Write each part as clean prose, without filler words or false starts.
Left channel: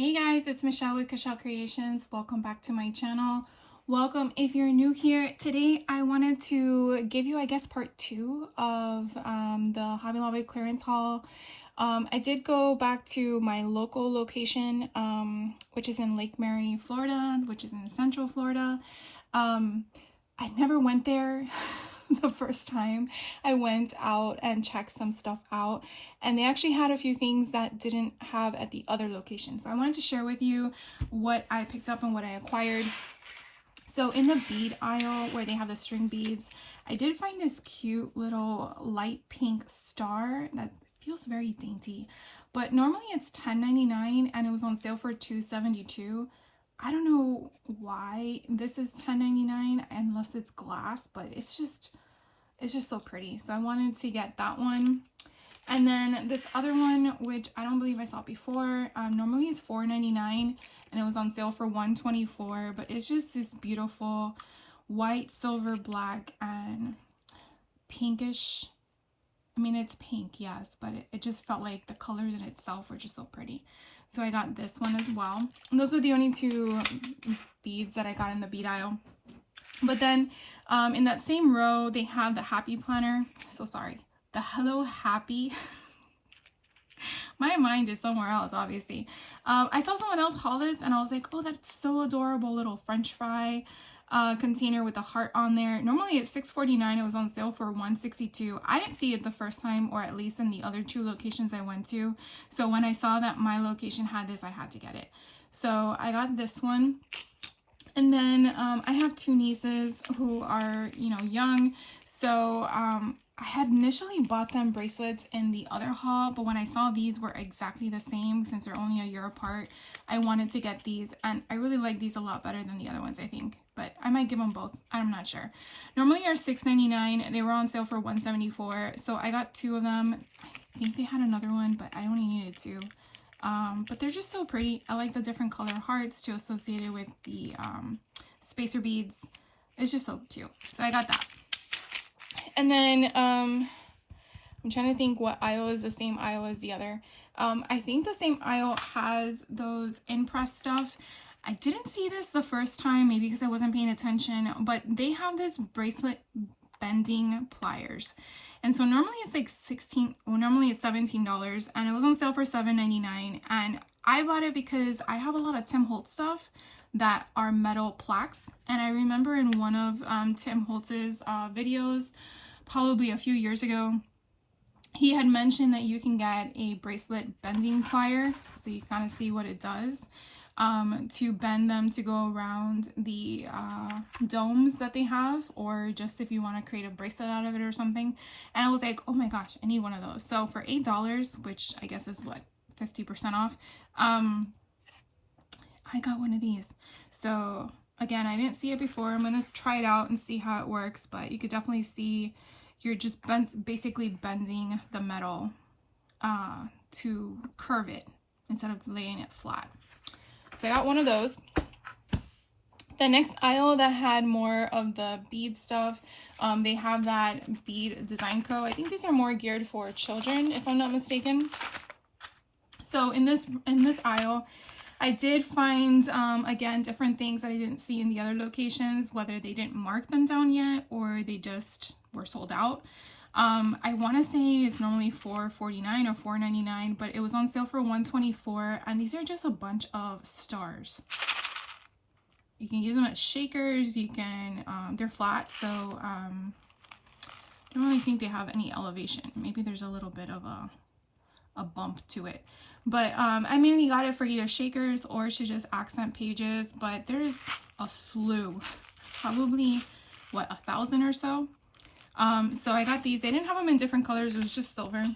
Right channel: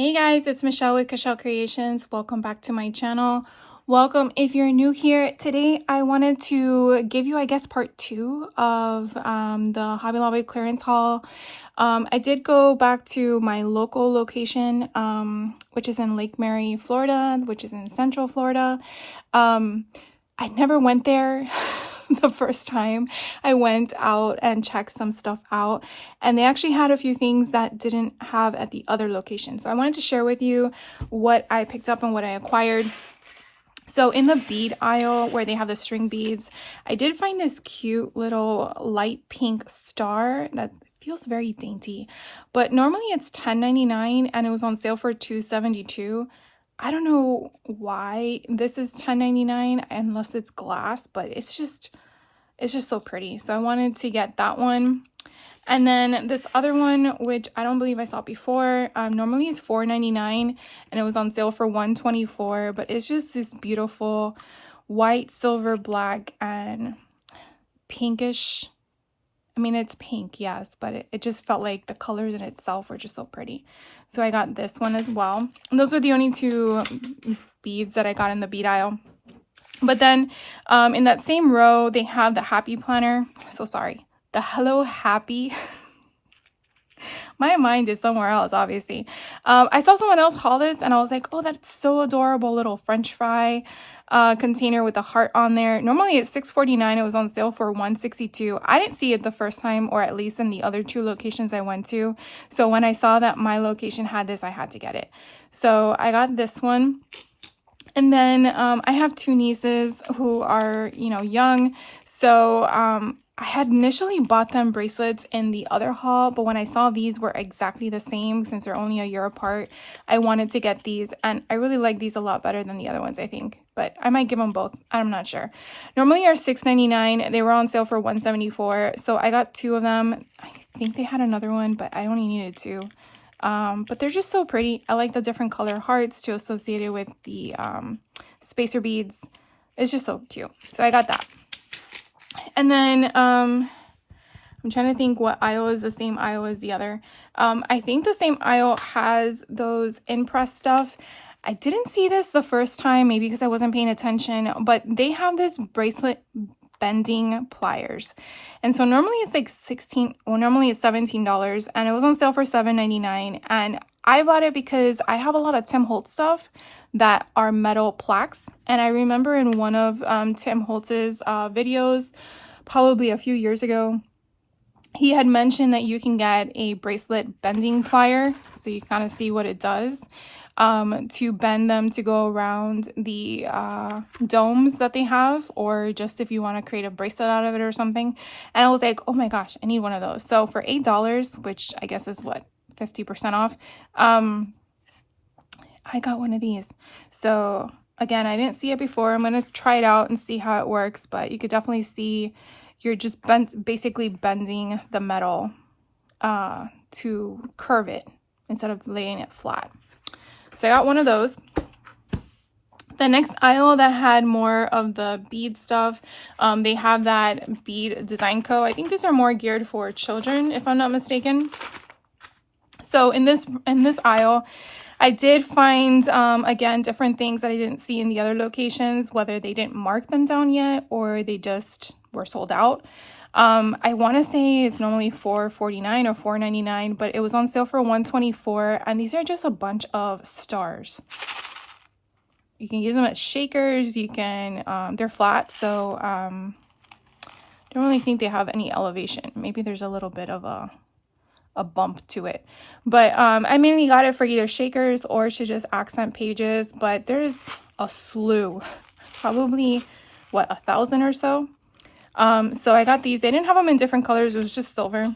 Hey guys, it's Michelle with Cashel Creations. Welcome back to my channel. Welcome if you're new here. Today I wanted to give you, I guess, part two of the Hobby Lobby clearance haul. I did go back to my local location, which is in Lake Mary, Florida, which is in Central Florida. I never went there the first time. I went out and checked some stuff out, and they actually had a few things that didn't have at the other location. So I wanted to share with you what I picked up and what I acquired. So in the bead aisle where they have the string beads, I did find this cute little light pink star that feels very dainty, but normally it's $10.99 and it was on sale for $2.72. I don't know why this is $10.99 unless it's glass, but it's just so pretty. So I wanted to get that one. And then this other one, which I don't believe I saw before, normally is $4.99 and it was on sale for $1.24, but it's just this beautiful white, silver, black, and pinkish. I mean, it's pink, yes, but it just felt like the colors in itself were just so pretty. So I got this one as well. And those were the only two beads that I got in the bead aisle. But then in that same row, they have the Happy Planner. So sorry. The Hello Happy. My mind is somewhere else, obviously. I saw someone else haul this and I was like, oh, that's so adorable. Little French fry container with a heart on there. Normally it's $6.49. It was on sale for $1.62. I didn't see it the first time, or at least in the other two locations I went to. So when I saw that my location had this, I had to get it. So I got this one. And then I have two nieces who are, young. So I had initially bought them bracelets in the other haul, but when I saw these were exactly the same, since they're only a year apart, I wanted to get these, and I really like these a lot better than the other ones, I think, but I might give them both. I'm not sure. Normally are $6.99. They were on sale for $1.74, so I got two of them. I think they had another one, but I only needed two. But they're just so pretty. I like the different color hearts to associate it with the spacer beads. It's just so cute. So I got that. And then I'm trying to think what aisle is the same aisle as the other. I think the same aisle has those Impress stuff. I didn't see this the first time, maybe because I wasn't paying attention, but they have this bracelet bending pliers. And so normally it's like normally it's $17, and it was on sale for $7.99. And I bought it because I have a lot of Tim Holtz stuff that are metal plaques. And I remember in one of Tim Holtz's videos, probably a few years ago, he had mentioned that you can get a bracelet bending plier, so you kind of see what it does, to bend them to go around the domes that they have, or just if you want to create a bracelet out of it or something. And I was like, oh my gosh, I need one of those. So for $8, which I guess is what, 50% off, I got one of these. So again, I didn't see it before. I'm going to try it out and see how it works, but you could definitely see you're just basically bending the metal to curve it instead of laying it flat. So I got one of those. The next aisle that had more of the bead stuff, they have that Bead Design Co. I think these are more geared for children, if I'm not mistaken. So in this aisle, I did find, again, different things that I didn't see in the other locations, whether they didn't mark them down yet or they just were sold out. I want to say it's normally $4.49 or $4.99, but it was on sale for $1.24, and these are just a bunch of stars. You can use them as shakers. You can, they're flat, so I don't really think they have any elevation. Maybe there's a little bit of a bump to it, but I mainly got it for either shakers or to just accent pages, but there's a slew, probably what, 1,000 or so. So I got these. They didn't have them in different colors. It was just silver.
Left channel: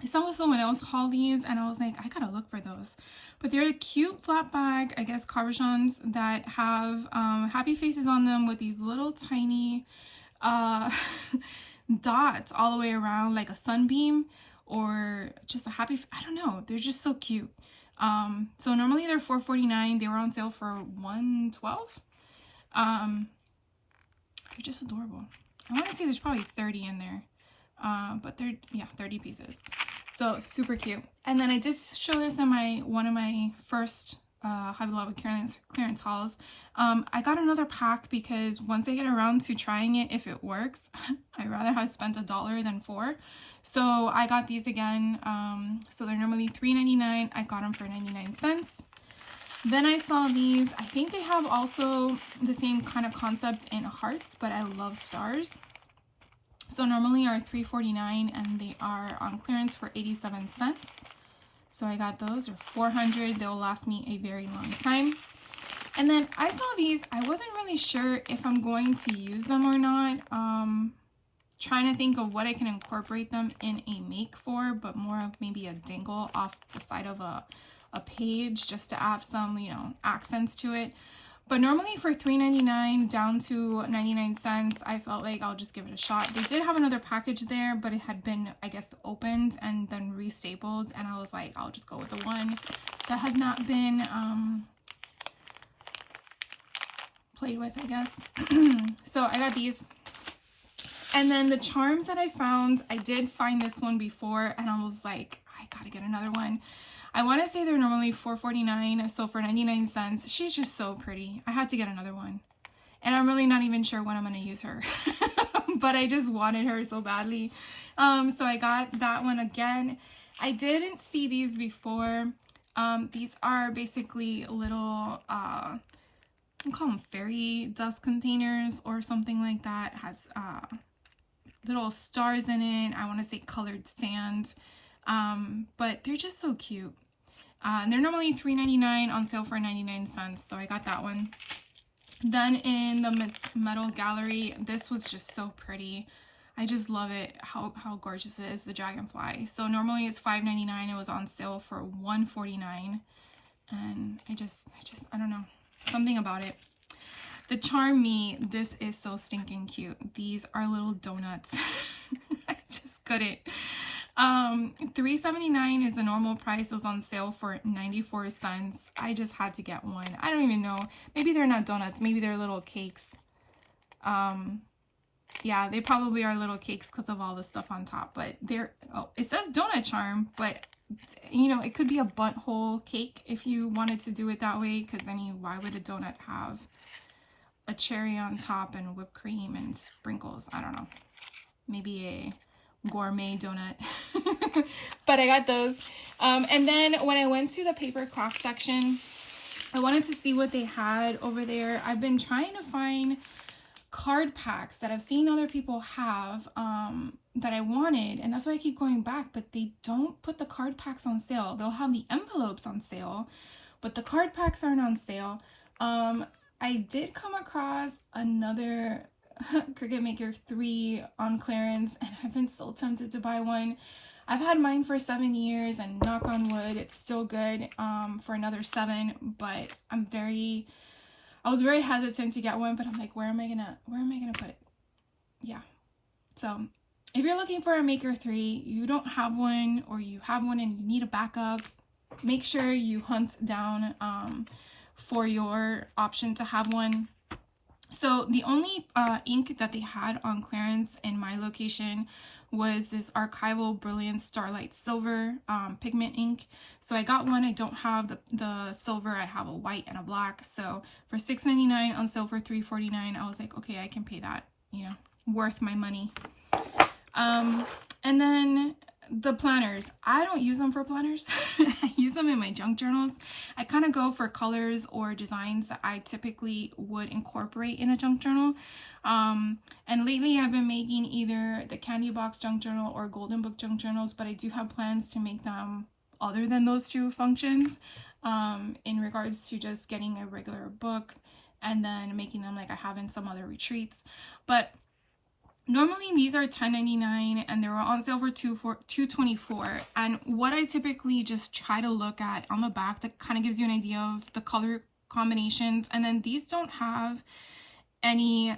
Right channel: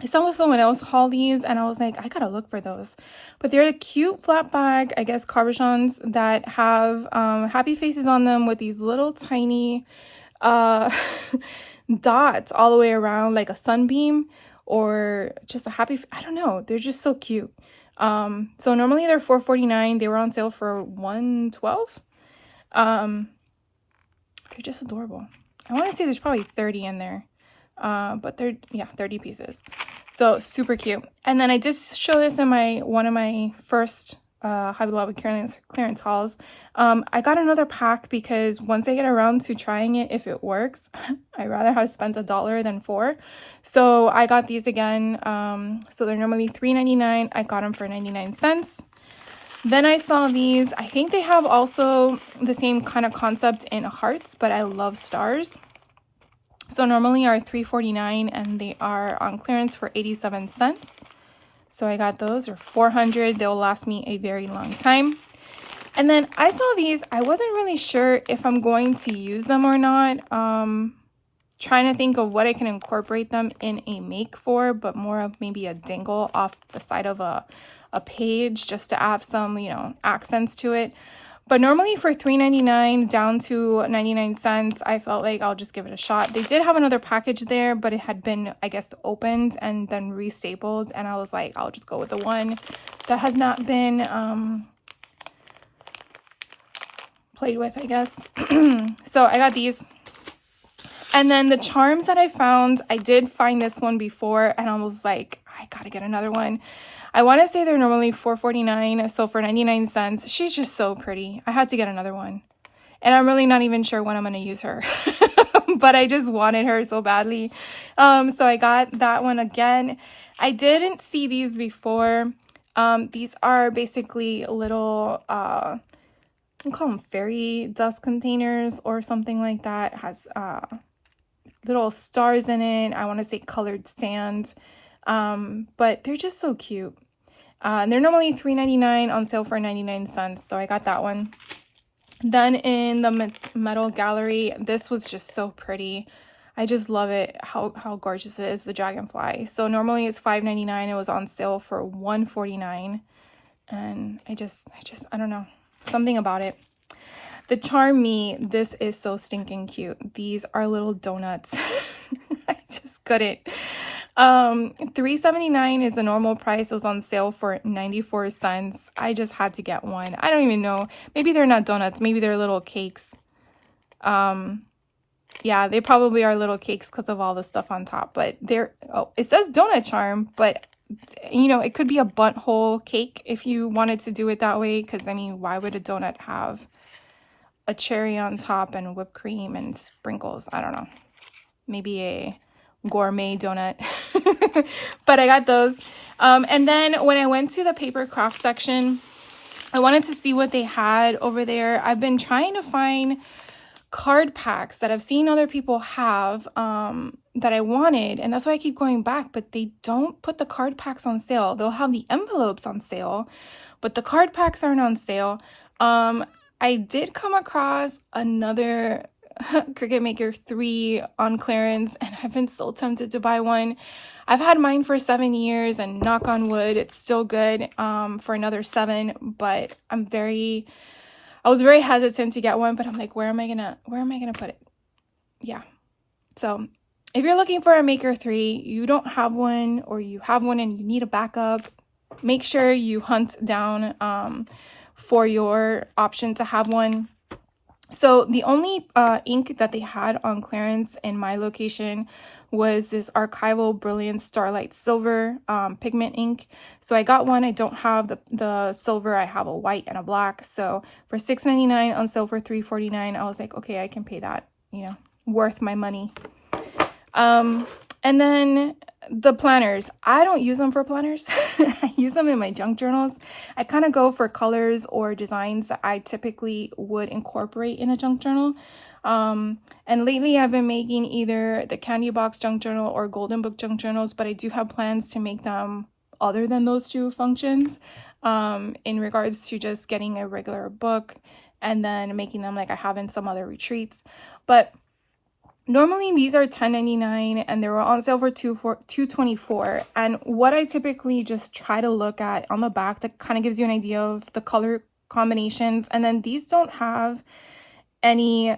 I saw someone else haul these and I was like, I gotta look for those. But they're a cute flat bag, I guess, cabochons that have happy faces on them with these little tiny dots all the way around, like a sunbeam or just a happy, I don't know. They're just so cute. So normally they're $4.49. They were on sale for $1.12. They're just adorable. I want to say there's probably 30 in there. but they're, yeah, 30 pieces. So super cute. And then I did show this in one of my first Hobby Lobby clearance hauls. I got another pack because once I get around to trying it, if it works, I'd rather have spent $1 than $4. So I got these again. So they're normally $3.99. I got them for 99 cents. Then I saw these. I think they have also the same kind of concept in hearts, but I love stars. So normally are $3.49 and they are on clearance for 87 cents. So I got those, or 400. They'll last me a very long time. And then I saw these. I wasn't really sure if I'm going to use them or not. Trying to think of what I can incorporate them in a make for, but more of maybe a dangle off the side of a page just to have some, you know, accents to it. But normally for $3.99 down to 99 cents, I felt like I'll just give it a shot. They did have another package there, but it had been, I guess, opened and then restapled. And I was like, I'll just go with the one that has not been played with, I guess. So I got these. And then the charms that I found, I did find this one before and I was like, I gotta get another one. I want to say they're normally $4.49, so for 99 cents, she's just so pretty. I had to get another one. And I'm really not even sure when I'm going to use her. But I just wanted her so badly. So I got that one again. I didn't see these before. These are basically little, I call them fairy dust containers or something like that. It has little stars in it. I want to say colored sand. But they're just so cute. And they're normally $3.99 on sale for 99 cents. So I got that one. Then in the metal gallery, this was just so pretty. I just love it, how gorgeous it is, the dragonfly. So normally it's $5.99. It was on sale for $1.49. And I don't know, something about it. The Charm Me, this is so stinking cute. These are little donuts. I just couldn't. $3.79 is the normal price. It was on sale for 94 cents. I just had to get one. I don't even know. Maybe they're not donuts. Maybe they're little cakes. Yeah, they probably are little cakes because of all the stuff on top. But they're, oh, it says donut charm, but you know, it could be a bundt hole cake if you wanted to do it that way. Because I mean, why would a donut have a cherry on top and whipped cream and sprinkles? I don't know. Maybe a gourmet donut. But I got those. And then when I went to the paper craft section, I wanted to see what they had over there. I've been trying to find card packs that I've seen other people have that I wanted, and that's why I keep going back, but they don't put the card packs on sale. They'll have the envelopes on sale, but the card packs aren't on sale. I did come across another Cricut Maker 3 on clearance, and I've been so tempted to buy one. I've had mine for 7 years, and knock on wood, it's still good for another 7, but I was very hesitant to get one, but I'm like, where am I gonna put it? Yeah. So if you're looking for a Maker 3, you don't have one, or you have one and you need a backup, make sure you hunt down for your option to have one. So the only ink that they had on clearance in my location was this Archival Brilliance Starlight Silver pigment ink. So I got one. I don't have the silver. I have a white and a black. So for $6.99 on sale for $3.49, I was like, okay, I can pay that, you know, worth my money. And then the planners, I don't use them for planners. I use them in my junk journals. I kind of go for colors or designs that I typically would incorporate in a junk journal. And lately I've been making either the Candy Box junk journal or Golden Book junk journals, but I do have plans to make them other than those two functions, in regards to just getting a regular book and then making them like I have in some other retreats. But normally these are $10.99 and they were on sale for $2.24. And what I typically just try to look at on the back, that kind of gives you an idea of the color combinations. And then these don't have any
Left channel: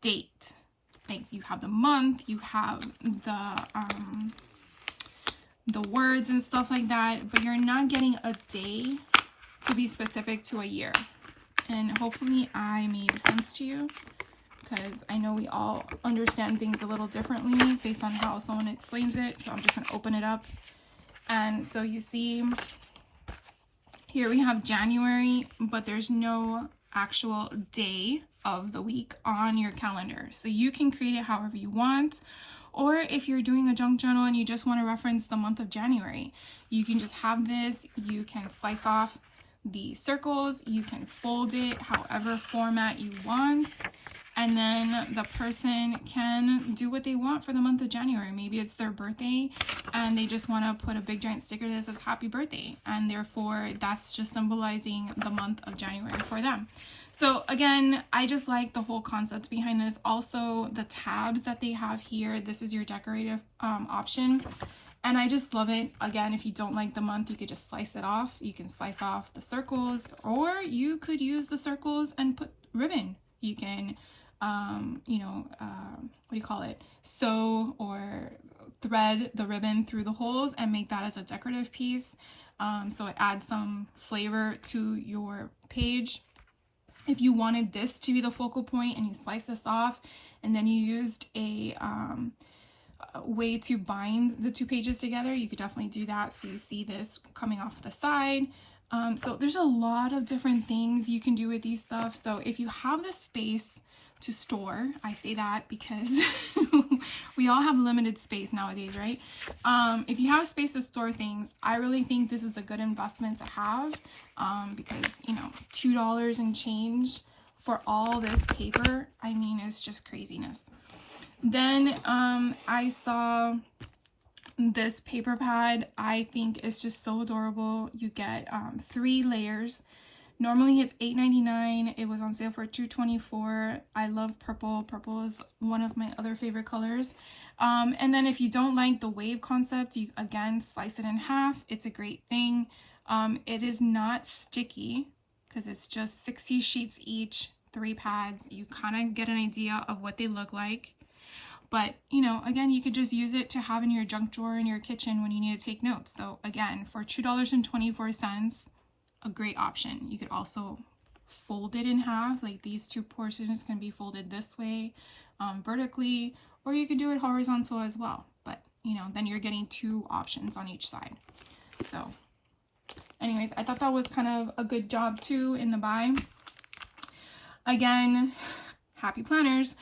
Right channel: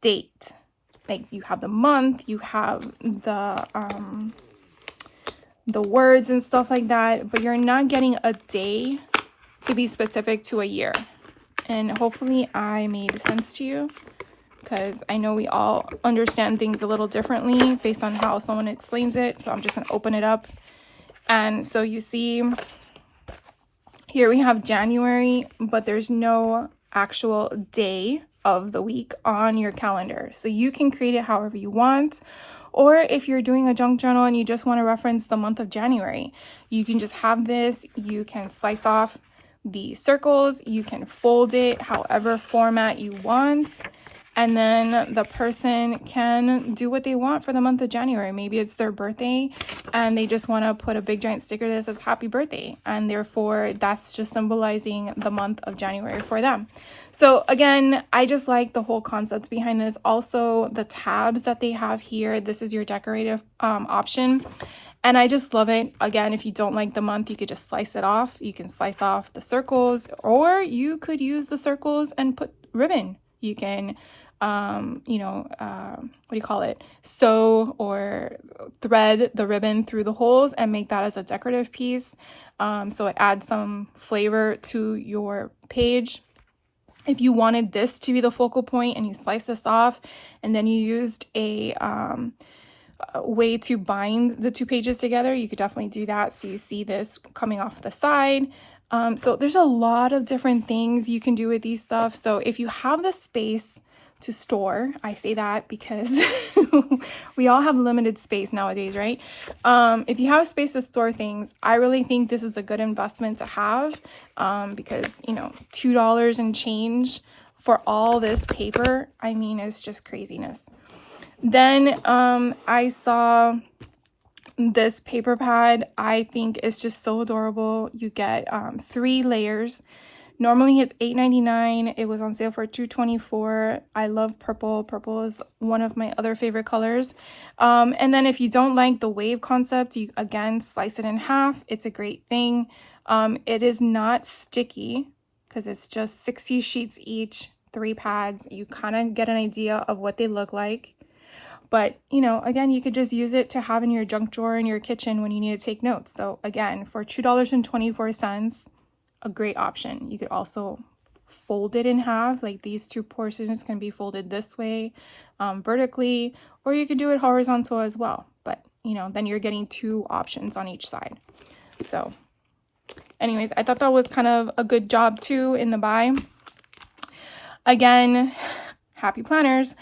date. Like you have the month, you have the words and stuff like that, but you're not getting a day to be specific to a year. And hopefully I made sense to you, because I know we all understand things a little differently based on how someone explains it. So I'm just going to open it up. And so you see here we have January, but there's no actual day of the week on your calendar. So you can create it however you want. Or if you're doing a junk journal and you just want to reference the month of January, you can just have this. You can slice off the circles. You can fold it however format you want. And then the person can do what they want for the month of January. Maybe it's their birthday and they just want to put a big giant sticker that says happy birthday. And therefore that's just symbolizing the month of January for them. So again, I just like the whole concept behind this. Also the tabs that they have here, this is your decorative option. And I just love it. Again, if you don't like the month, you could just slice it off. You can slice off the circles, or you could use the circles and put ribbon. You can sew or thread the ribbon through the holes and make that as a decorative piece. So it adds some flavor to your page. If you wanted this to be the focal point and you slice this off and then you used a way to bind the two pages together, you could definitely do that. So you see this coming off the side. So there's a lot of different things you can do with these stuff. So if you have the space to store, I say that because we all have limited space nowadays, right? If you have space to store things, I really think this is a good investment to have, because you know, $2 and change for all this paper, I mean, it's just craziness. Then I saw this paper pad. I think it's just so adorable. You get 3 layers. Normally it's $8.99. It was on sale for $2.24. I love purple. Purple is one of my other favorite colors. And then if you don't like the wave concept, you again slice it in half. It's a great thing. It is not sticky because it's just 60 sheets each, 3 pads. You kind of get an idea of what they look like. But, you know, again, you could just use it to have in your junk drawer in your kitchen when you need to take notes. So again, for $2.24, a great option. You could also fold it in half, like these 2 portions can be folded this way, vertically, or you could do it horizontal as well. But, you know, then you're getting 2 options on each side. So anyways, I thought that was kind of a good job too in the buy. Again, happy planners.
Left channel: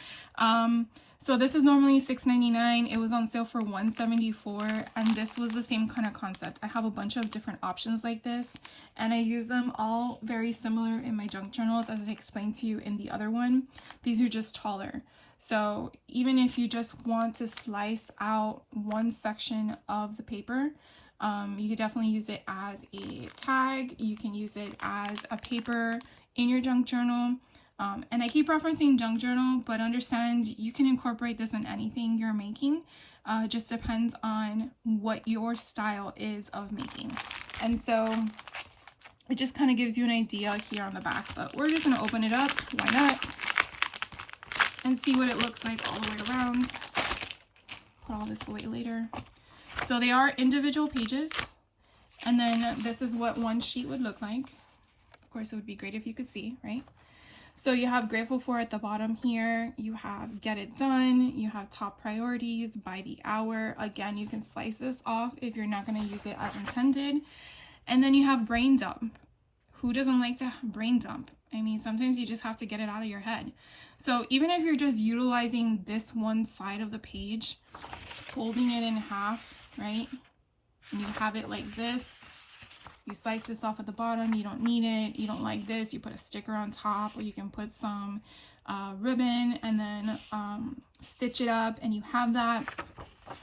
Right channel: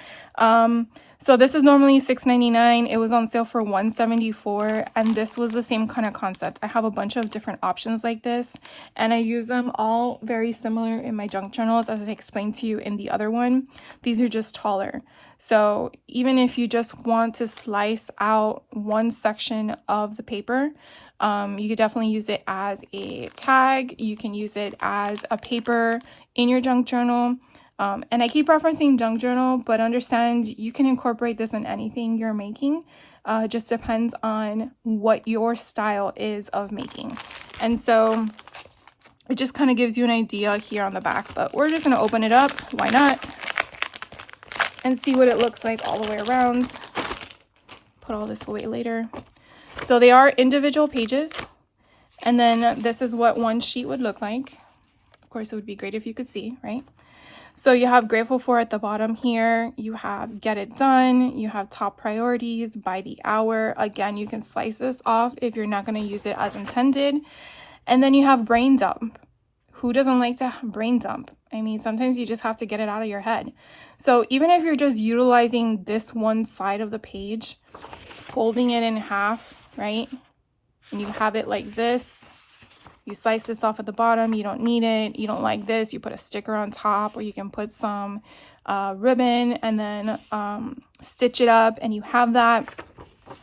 So this is normally $6.99. It was on sale for $1.74, and this was the same kind of concept. I have a bunch of different options like this, and I use them all very similar in my junk journals, as I explained to you in the other one. These are just taller. So even if you just want to slice out one section of the paper, you could definitely use it as a tag. You can use it as a paper in your junk journal. And I keep referencing junk journal, but understand you can incorporate this in anything you're making. It just depends on what your style is of making. And so it just kind of gives you an idea here on the back, but we're just going to open it up. Why not? And see what it looks like all the way around. Put all this away later. So they are individual pages. And then this is what one sheet would look like. Of course, it would be great if you could see, right? So you have grateful for at the bottom here. You have get it done. You have top priorities by the hour. Again, you can slice this off if you're not going to use it as intended. And then you have brain dump. Who doesn't like to brain dump? I mean, sometimes you just have to get it out of your head. So even if you're just utilizing this one side of the page, folding it in half, right? And you have it like this. You slice this off at the bottom, you don't need it, you don't like this, you put a sticker on top, or you can put some ribbon and then stitch it up, and you have that.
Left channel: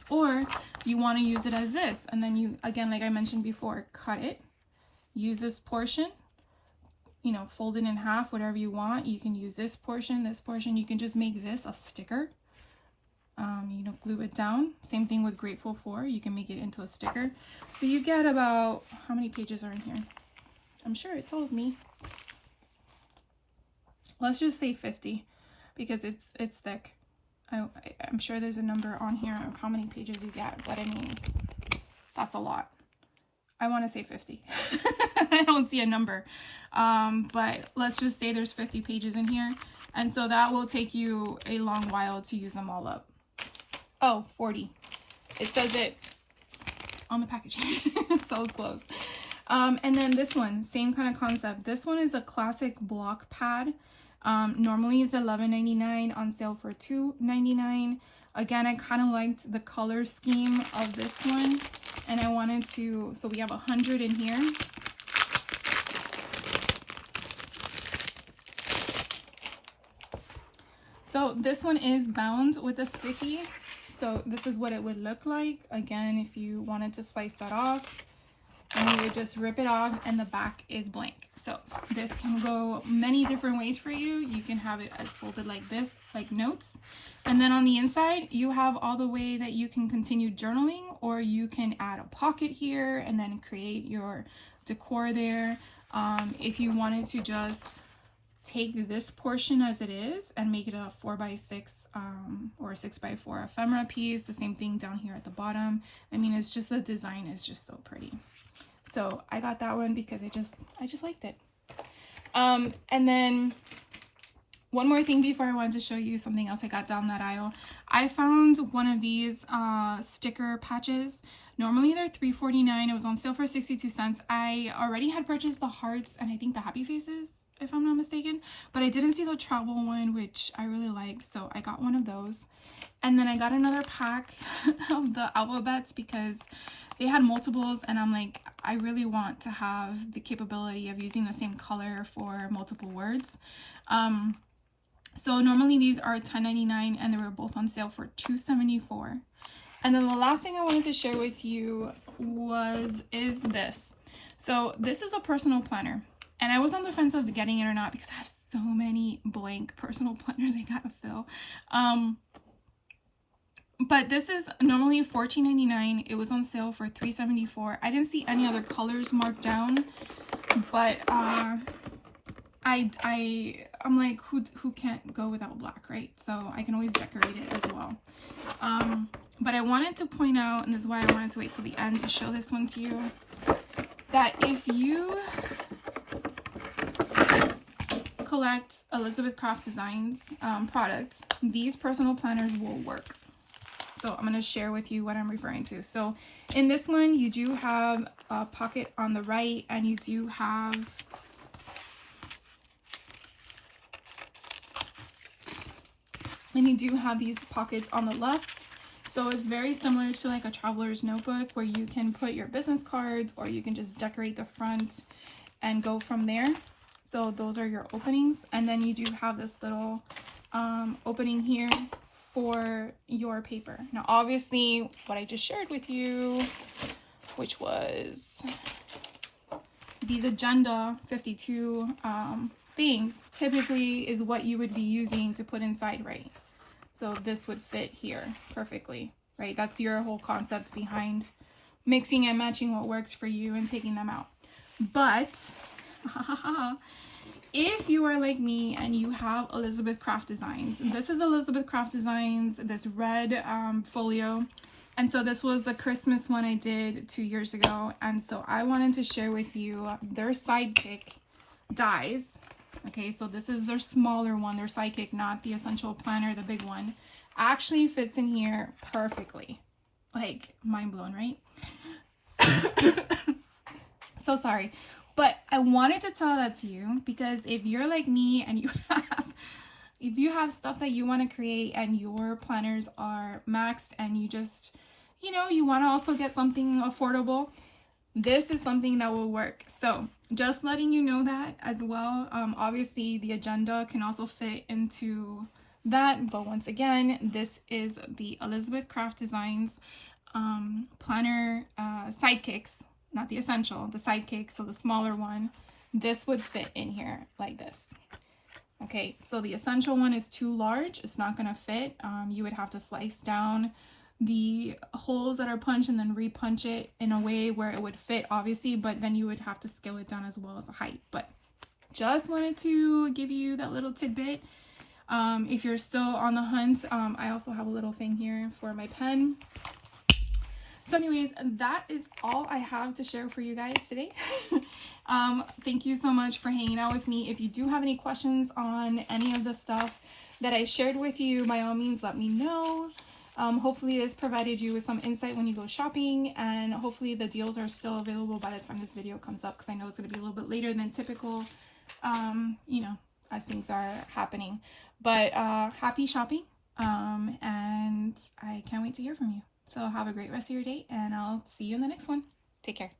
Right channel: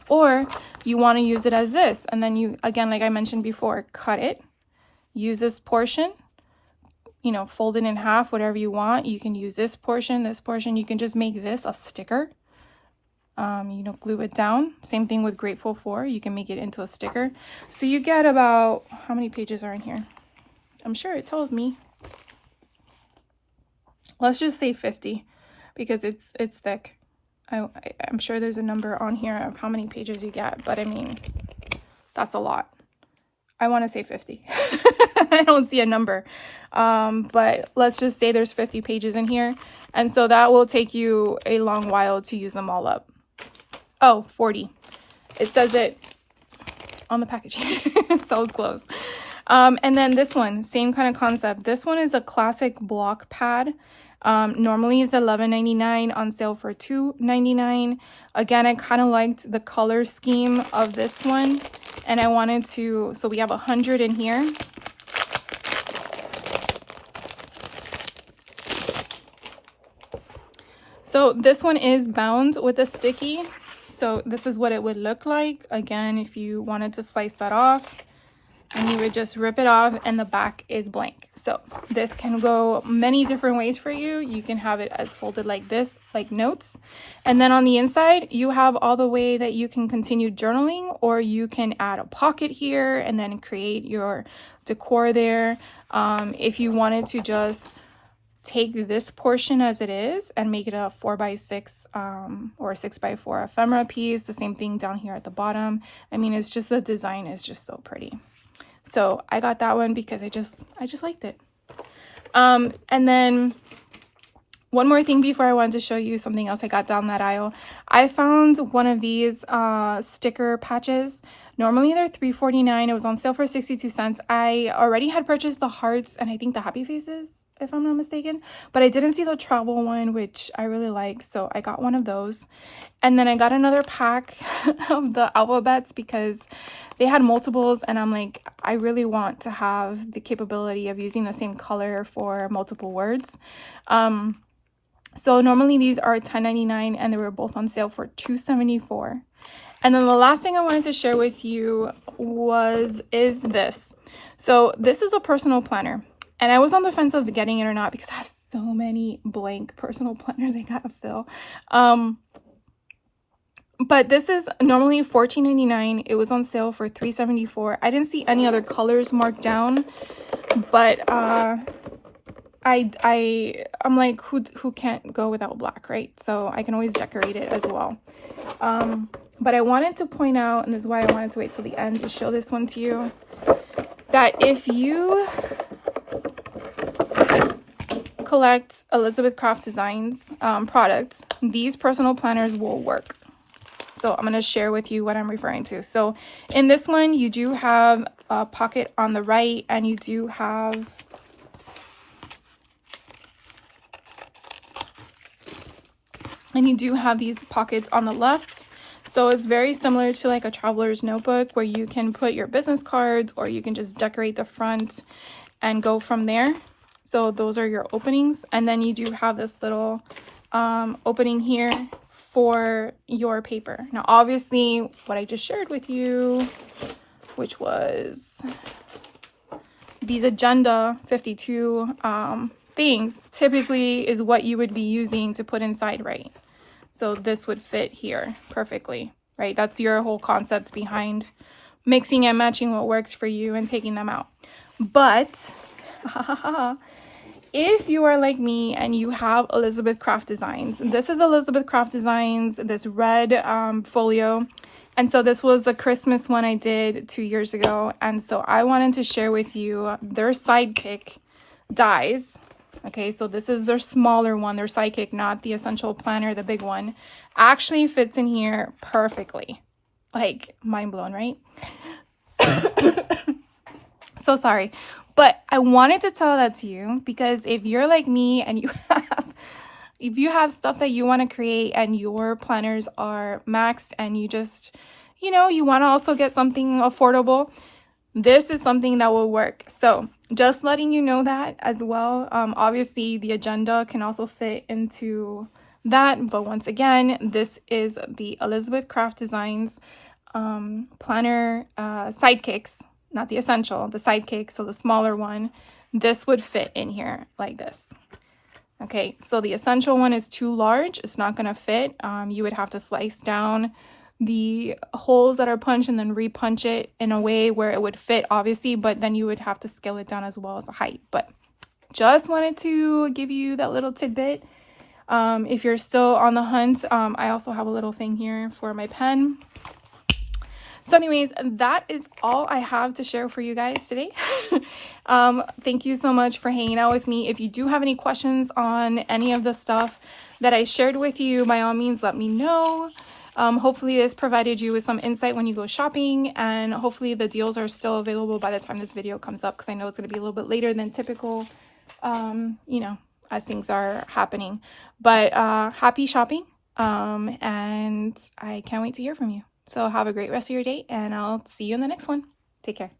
Or you want to use it as this, and then you, again, like I mentioned before, cut it, use this portion, you know, fold it in half, whatever you want. You can use this portion, you can just make this a sticker. You know, glue it down. Same thing with grateful for. You can make it into a sticker. So you get about, how many pages are in here? I'm sure it tells me. Let's just say 50 because it's thick. I'm sure there's a number on here of how many pages you get, but I mean, that's a lot. I want to say 50. I don't see a number. But let's just say there's 50 pages in here. And so that will take you a long while to use them all up. Oh, 40. It says it on the packaging. So it's closed. And then this one, same kind of concept. This one is a classic block pad. Normally it's $11.99, on sale for $2.99. Again, I kind of liked the color scheme of this one, and I wanted to, so we have 100 in here. So this one is bound with a sticky. So this is what it would look like. Again, if you wanted to slice that off, and you would just rip it off, and the back is blank. So this can go many different ways for you. You can have it as folded like this, like notes. And then on the inside, you have all the way that you can continue journaling, or you can add a pocket here and then create your decor there. If you wanted to just take this portion as it is and make it a 4x6 or a 6x4 ephemera piece, the same thing down here at the bottom. I mean, it's just, the design is just so pretty. So I got that one because I just liked it. And then one more thing before I wanted to show you something else I got down that aisle. I found one of these sticker patches. Normally they're $3.49. It was on sale for 62 cents. I already had purchased the hearts and I think the happy faces, if I'm not mistaken, but I didn't see the travel one, which I really like, so I got one of those. And then I got another pack of the alphabets because they had multiples, and I'm like, I really want to have the capability of using the same color for multiple words. So normally these are $10.99, and they were both on sale for $2.74. And then the last thing I wanted to share with you is this. So this is a personal planner. And I was on the fence of getting it or not because I have so many blank personal planners I gotta fill. But this is normally $14.99. It was on sale for $3.74. I didn't see any other colors marked down, but I'm like, who can't go without black, right? So I can always decorate it as well. But I wanted to point out, and this is why I wanted to wait till the end to show this one to you, that if you collect Elizabeth Craft Designs products, these personal planners will work. So I'm going to share with you what I'm referring to. So in this one, you do have a pocket on the right, and you do have these pockets on the left. So it's very similar to like a traveler's notebook where you can put your business cards, or you can just decorate the front and go from there. So those are your openings. And then you do have this little opening here for your paper. Now, obviously, what I just shared with you, which was these Agenda 52 things, typically is what you would be using to put inside, right? So this would fit here perfectly, right? That's your whole concept behind mixing and matching what works for you and taking them out. But if you are like me and you have Elizabeth Craft Designs, this is Elizabeth Craft Designs, this red folio. And so this was the Christmas one I did 2 years ago. And so I wanted to share with you their Sidekick dies. Okay, so this is their smaller one, their Sidekick, not the Essential Planner, the big one. Actually fits in here perfectly. Like, mind blown, right? So sorry. But I wanted to tell that to you because if you're like me and if you have stuff that you want to create and your planners are maxed and you just, you want to also get something affordable, this is something that will work. So just letting you know that as well. Obviously the agenda can also fit into that. But once again, this is the Elizabeth Craft Designs planner Sidekicks. Not the Essential, the Sidekick, so the smaller one. This would fit in here like this. Okay, so the Essential one is too large. It's not going to fit. You would have to slice down the holes that are punched and then repunch it in a way where it would fit, obviously, but then you would have to scale it down as well as the height. But just wanted to give you that little tidbit. If you're still on the hunt, I also have a little thing here for my pen. So anyways, that is all I have to share for you guys today. Thank you so much for hanging out with me. If you do have any questions on any of the stuff that I shared with you, by all means, let me know. Hopefully this provided you with some insight when you go shopping, and hopefully the deals are still available by the time this video comes up, because I know it's going to be a little bit later than typical, you know, as things are happening. But happy shopping, and I can't wait to hear from you. So have a great rest of your day, and I'll see you in the next one. Take care.